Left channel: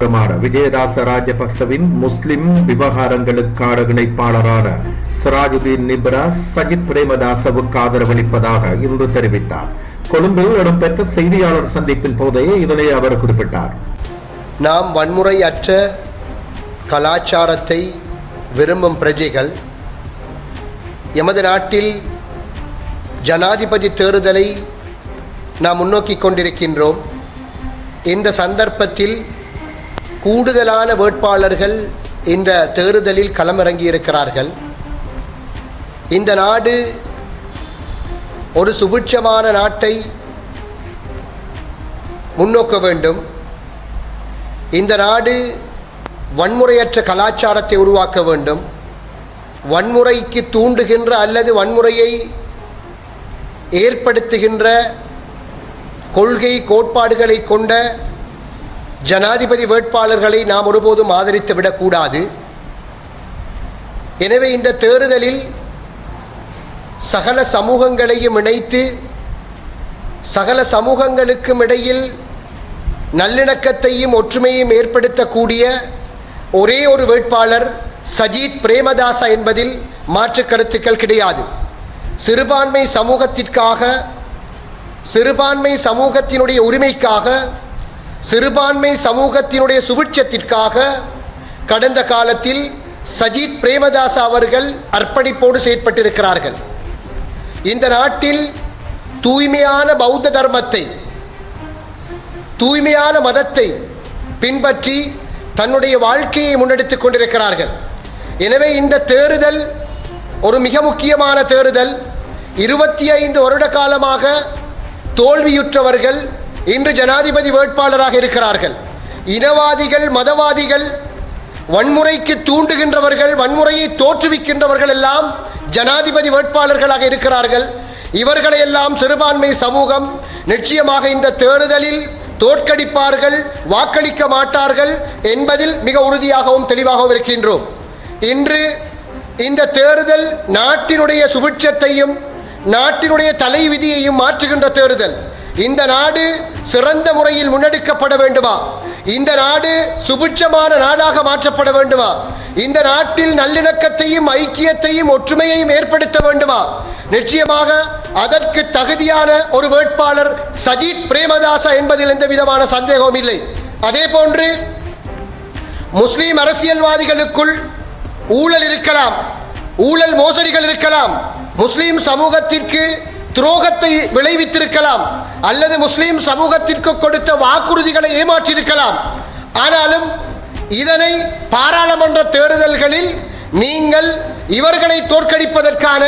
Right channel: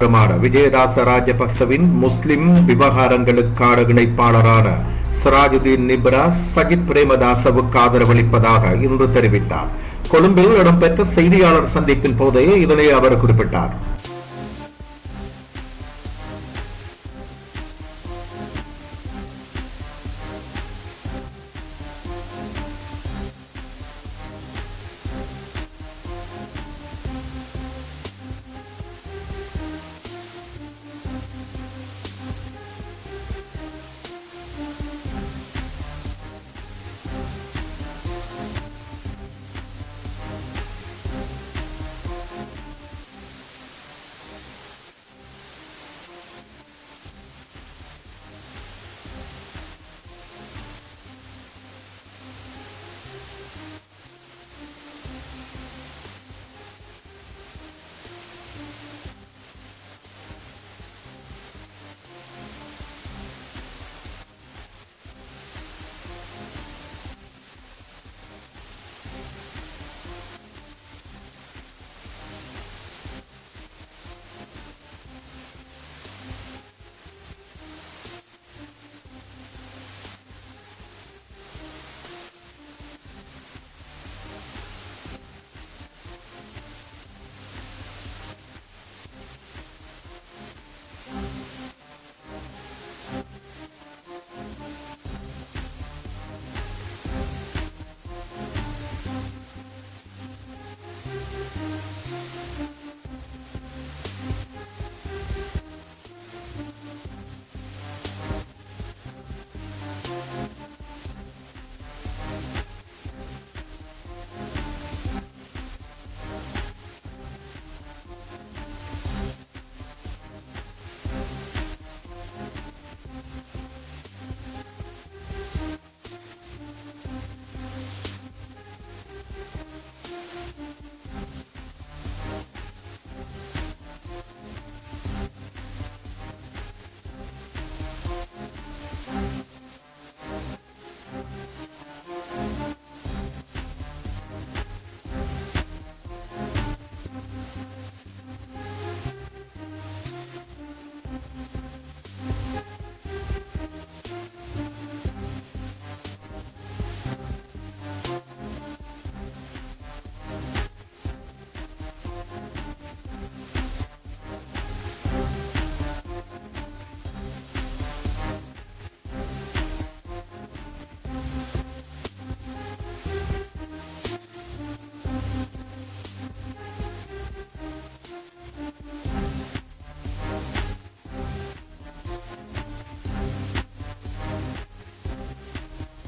பிரமாண விஜயதாச ராஜபக்சவின் முஸ்லிம் விவகாரங்களுக்கான இணைப்பாளரான சிராஜுதீன் நிப்ரா சஜித் பிரேமதாசவுக்கு ஆதரவளிப்பதாக இன்று தெரிவித்தார். கொழும்பில் இடம்பெற்ற செய்தியாளர் சந்திப்பின் போதே இதனை அவர் குறிப்பிட்டார். நாம் வன்முறையற்ற கலாச்சாரத்தை விரும்பும் பிரஜைகள் எமது நாட்டில் ஜனாதிபதி தேர்தலை நாம் முன்னோக்கி கொண்டிருக்கின்றோம். இந்த சந்தர்ப்பத்தில் கூடுதலான வேட்பாளர்கள் இந்த தேர்தலில் களமிறங்கியிருக்கிறார்கள். இந்த நாடு ஒரு சுபிட்சமான நாட்டை முன்னோக்க வேண்டும். இந்த நாடு வன்முறையற்ற கலாச்சாரத்தை உருவாக்க வேண்டும். வன்முறைக்கு தூண்டுகின்ற அல்லது வன்முறையை ஏற்படுத்துகின்ற கொள்கை கோட்பாடுகளை கொண்ட ஜனாதிபதி வேட்பாளர்களை நாம் ஒருபோதும் ஆதரித்து விடக்கூடாது. எனவே இந்த தேர்தலில் சகல சமூகங்களையும் இணைத்து சகல சமூகங்களுக்கும் இடையில் நல்லிணக்கத்தையும் ஒற்றுமையும் ஏற்படுத்தக்கூடிய ஒரே ஒரு வேட்பாளர் சஜித் பிரேமதாசா என்பதில் மாற்று கருத்துக்கள் கிடையாது. சிறுபான்மை சமூகத்திற்காக சிறுபான்மை சமூகத்தினுடைய உரிமைக்காக சிறுபான்மை சமூகத்தினுடைய சுபிட்சத்திற்காக கடந்த காலத்தில் சஜித் பிரேமதாஸ் அவர்கள் அர்ப்பணிப்போடு செயற்பட்டிருக்கிறார்கள். இந்த நாட்டில் தூய்மையான பௌத்த தர்மத்தை தூய்மையான மதத்தை பின்பற்றி தன்னுடைய வாழ்க்கையை முன்னெடுத்துக் கொண்டிருக்கிறார்கள். எனவே இந்த தேர்தல் ஒரு மிக முக்கியமான தேர்தல். இருபத்தி ஐந்து வருட காலமாக தோல்வியுற்றவர்கள் இன்று ஜனாதிபதி வேட்பாளராக இருக்கிறார்கள். இனவாதிகள் மதவாதிகள் வன்முறைக்கு தூண்டுகின்றவர்கள் வன்முறையை தோற்றுவிக்கின்றவர்கள் எல்லாம் ஜனாதிபதி வேட்பாளர்களாக இருக்கிறார்கள். இவர்களை எல்லாம் சிறுபான்மை சமூகம் நிச்சயமாக இந்த தேர்தலில் தோற்கடிப்பார்கள் வாக்களிக்க மாட்டார்கள் என்பதில் மிக உறுதியாகவும் தெளிவாகவும் இருக்கின்றோம். இன்று இந்த தேர்தல் நாட்டினுடைய சுபிட்சத்தையும் நாட்டினுடைய தலைவிதியையும் மாற்றுகின்ற தேர்தல். இந்த நாடு சிறந்த முறையில் முன்னெடுக்கப்பட வேண்டுமா? இந்த நாடு சுபிட்சமான நாடாக மாற்றப்பட வேண்டுமா? இந்த நாட்டில் நல்லிணக்கத்தையும் ஐக்கியத்தையும் ஒற்றுமையையும் ஏற்படுத்த வேண்டுமா? நிச்சயமாக அதற்கு தகுதியான ஒரு வேட்பாளர் சஜித் பிரேமதாசா என்பதில் எந்த விதமான சந்தேகமும் இல்லை. அதே போன்று முஸ்லீம் அரசியல்வாதிகளுக்குள் ஊழல் இருக்கலாம். ஊழல் மோசடிகள் இருக்கலாம். முஸ்லீம் சமூகத்திற்கு துரோகத்தை விளைவித்திருக்கலாம் அல்லது முஸ்லீம் சமூகத்திற்கு கொடுத்த வாக்குறுதிகளை ஏமாற்றியிருக்கலாம். ஆனாலும் இதனை பாராளுமன்ற தேர்தல்களில் நீங்கள் இவர்களை தோற்கடிப்பதற்கான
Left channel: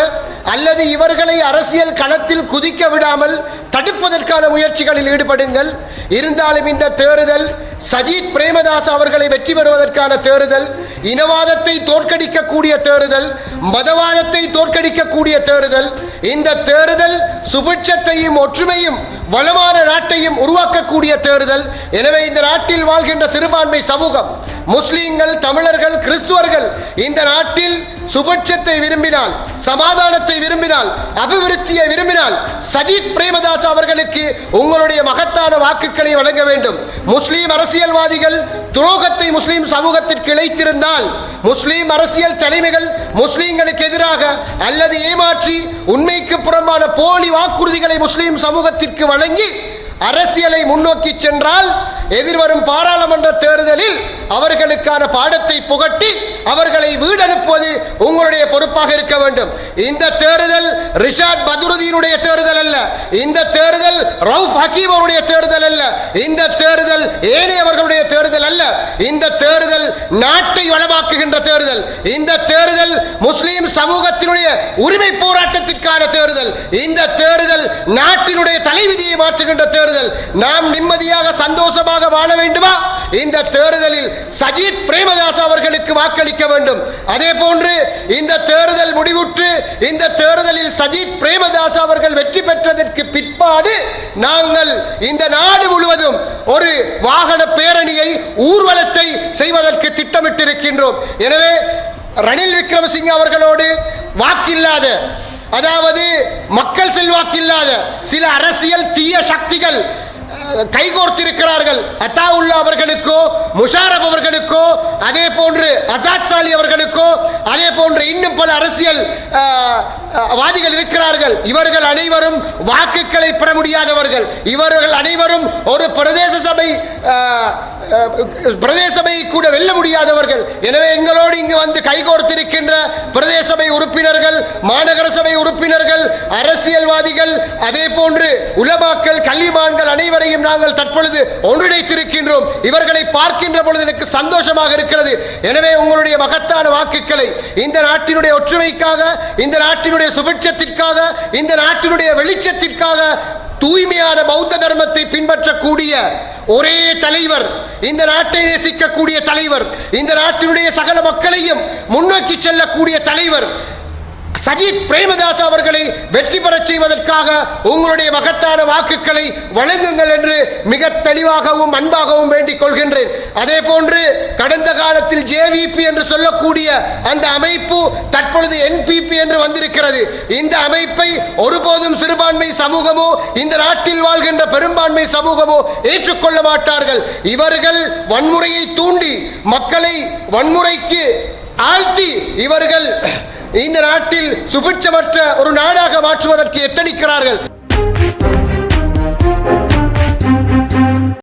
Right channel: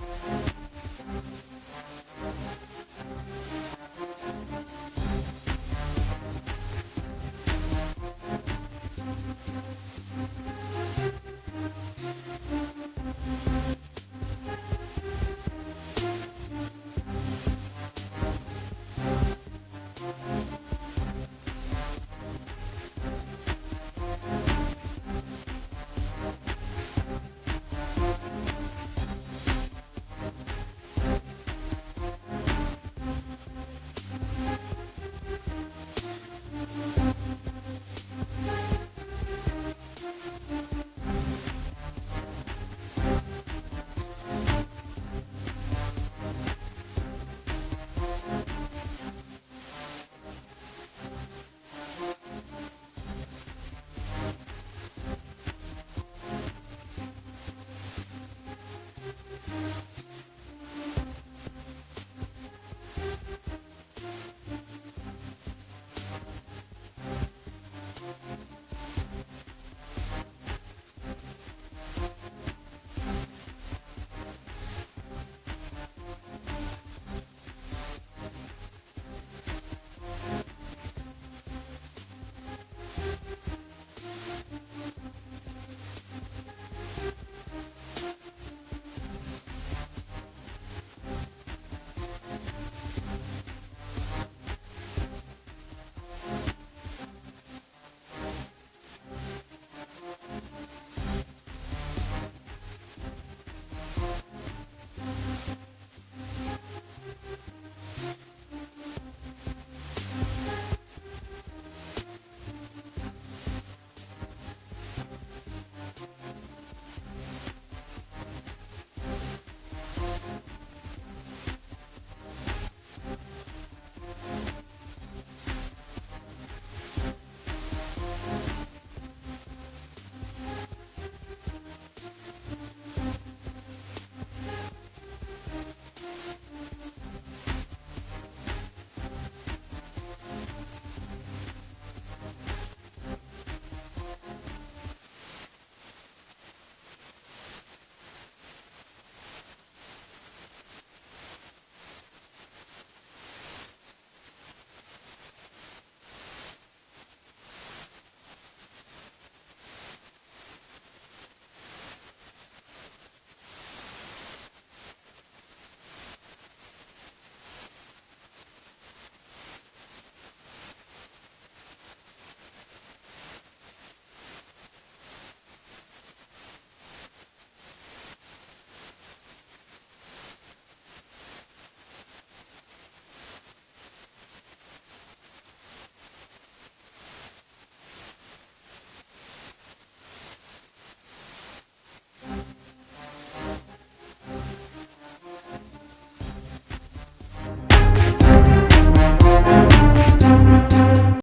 அல்லது இவர்களை அரசியல் களத்தில் குதிக்க விடாமல் தடுப்பதற்கான முயற்சிகளில் ஈடுபடுங்கள். இருந்தாலும் இந்த தேர்தல் சஜித் பிரேமதாஸ் அவர்களை வெற்றி பெறுவதற்கான தேர்தல் இனவாதத்தை தோற்கடிக்கக்கூடிய தேர்தல் மதவாதத்தை தோற்கடிக்கக்கூடிய தேர்தல் இந்த தேர்தல் சுபிட்சத்தையும் ஒற்றுமையும் வளமான நாட்டையும் உருவாக்கக்கூடிய தேர்தல். எனவே இந்த நாட்டில் வாழ்கின்ற சிறுபான்மை சமூகம் முஸ்லீம்கள் தமிழர்கள் கிறிஸ்துவர்கள் இந்த நாட்டில் சுபட்சத்தை விரும்பினால் சமாதானத்தை விரும்பினால் அபிவிருத்தியை விரும்பினால் சஜித் பிரேமதாஸ் அவர்களுக்கு உங்களுடைய மகத்தான வாக்குகளை வழங்க வேண்டும். முஸ்லீம் அரசியல்வாதிகள் துரோகத்தை முஸ்லீம் சமூகத்திற்கு இழைத்திருந்தால் முஸ்லீம் அரசியல் தலைமைகள் முஸ்லீம்களுக்கு எதிராக அல்லது ஏமாற்றி உண்மைக்கு புறம்பான போலி வாக்குறுதிகளை முஸ்லீம் சமூகத்திற்கு வழங்கி அரசியலை முன்னோக்கி சென்றால் எதிர்வரும் பாராளுமன்ற தேர்தலில் அவர்களுக்கான பாடத்தை புகட்டி அவர்களை வீடு அனுப்புவது உங்களுடைய பொறுப்பாக இருக்க வேண்டும். இந்த தேர்தல் ரிஷாட் பதுருதீனுடைய தேர்தல் அல்ல. இந்த தேர்தல் ரவுப் ஹக்கீம் அவருடைய தேர்தல் அல்ல. இந்த தேர்தல் ஏனையவர்களுடைய தேர்தல் அல்ல. இந்த தேர்தல் நாட்டை வளமாக்குகின்ற தேர்தல். இந்த தேர்தல் முஸ்லீம் சமூகத்தினுடைய உரிமை போராட்டத்திற்கான தேர்தல். இந்த தேர்தல் நாட்டினுடைய தலைவிதியை மாற்றுகின்ற தேர்தல். நாம் நிம்மதியாக சந்தோஷமாக வாழ வேண்டுமா? இந்த தேர்தலில் சஜித் பிரேமதாஸ் அவர்களுக்கு வாக்களிக்க வேண்டும். அதே போன்று இந்த தேர்தல் முடிவுற்று இந்த தேர்தலில் சஜித் பிரேமதாஸ் அவர்கள் வெற்றி பெற்றதற்கு பிற்பாடு நாங்கள் இந்த நாடு முழுவதும் ஒரு வாகன பேரணியை ஊர்வலத்தை செய்வதற்கு திட்டமிட்டிருக்கின்றோம். எனவே ரணில் விக்ரமசிங்க அவர்களோடு வாக்கில்லாத அதாவது மக்கள் செல்வாக்கில்லாத சில அரசியல் தீய சக்திகள் கைகோர்த்திருக்கிறார்கள். அத்தாவுல்லா அவர்களுக்கோ முஷாரப் அவர்களுக்கோ அதே போன்று அசாத் சாலி அவர்களுக்கோ அதே போன்று இன்னும் பல அரசியல் வாதிகள் இருக்கிறார்கள். இவர்கள் அனைவரும் வாக்குகளை பெற முடியாதவர்கள். இவர்கள் அனைவரும் ஒரு பிரதேச சபை பிரதேசபை கூட வெல்ல முடியாதவர்கள். எனவே எங்களோடு இங்கு வந்து கைகோர்த்திருக்கின்ற பிரதேசபை உறுப்பினர்கள் மாநகர சபை உறுப்பினர்கள் அரசியல்வாதிகள் அதே போன்று உலமாக்கள் கல்விமான்கள் அனைவரையும் நாங்கள் தற்பொழுது ஒன்றிணைத்திருக்கின்றோம். இவர்களை பார்க்கின்ற பொழுது எனக்கு சந்தோஷமாக இருக்கிறது. எனவே உங்களுடைய மகத்தான வாக்குகளை இந்த நாட்டினுடைய ஒற்றுமைக்காக இந்த நாட்டினுடைய சுபிட்சத்திற்காக இந்த நாட்டினுடைய வெளிச்சத்திற்காக தூய்மையான பௌத்த தர்மத்தை பின்பற்றக்கூடிய ஒரே தலைவர் இந்த நாட்டை நேசிக்கக்கூடிய தலைவர் இந்த நாட்டினுடைய சகல மக்களையும் முன்னோக்கி செல்லக்கூடிய தலைவர் சஜித் பிரேமதாஸ் அவர்களை வெற்றி பெறச் செய்வதற்காக உங்களுடைய மகத்தான வாக்குகளை வழங்குங்கள் என்று மிக தெளிவாகவும் அன்பாகவும் வேண்டிக் கொள்கின்றேன். அதே போன்று கடந்த காலத்தில் ஜேவிபி என்று சொல்லக்கூடிய அந்த அமைப்பு தற்பொழுது என்பிபி என்று வந்திருக்கிறது. இந்த அமைப்பை ஒருபோதும் சிறுபான்மை சமூகமோ இந்த நாட்டில் வாழ்கின்ற பெரும்பான்மை சமூகமோ ஏற்றுக்கொள்ள மாட்டார்கள். இவர்கள் வன்முறையை தூண்டி மக்களை வன்முறைக்கு ஆழ்த்தி இவர்கள் இந்த நாட்டில் சுபிட்சமற்ற ஒரு நாடாக மாற்றுவதற்கு எத்தனிக்கிறார்கள்?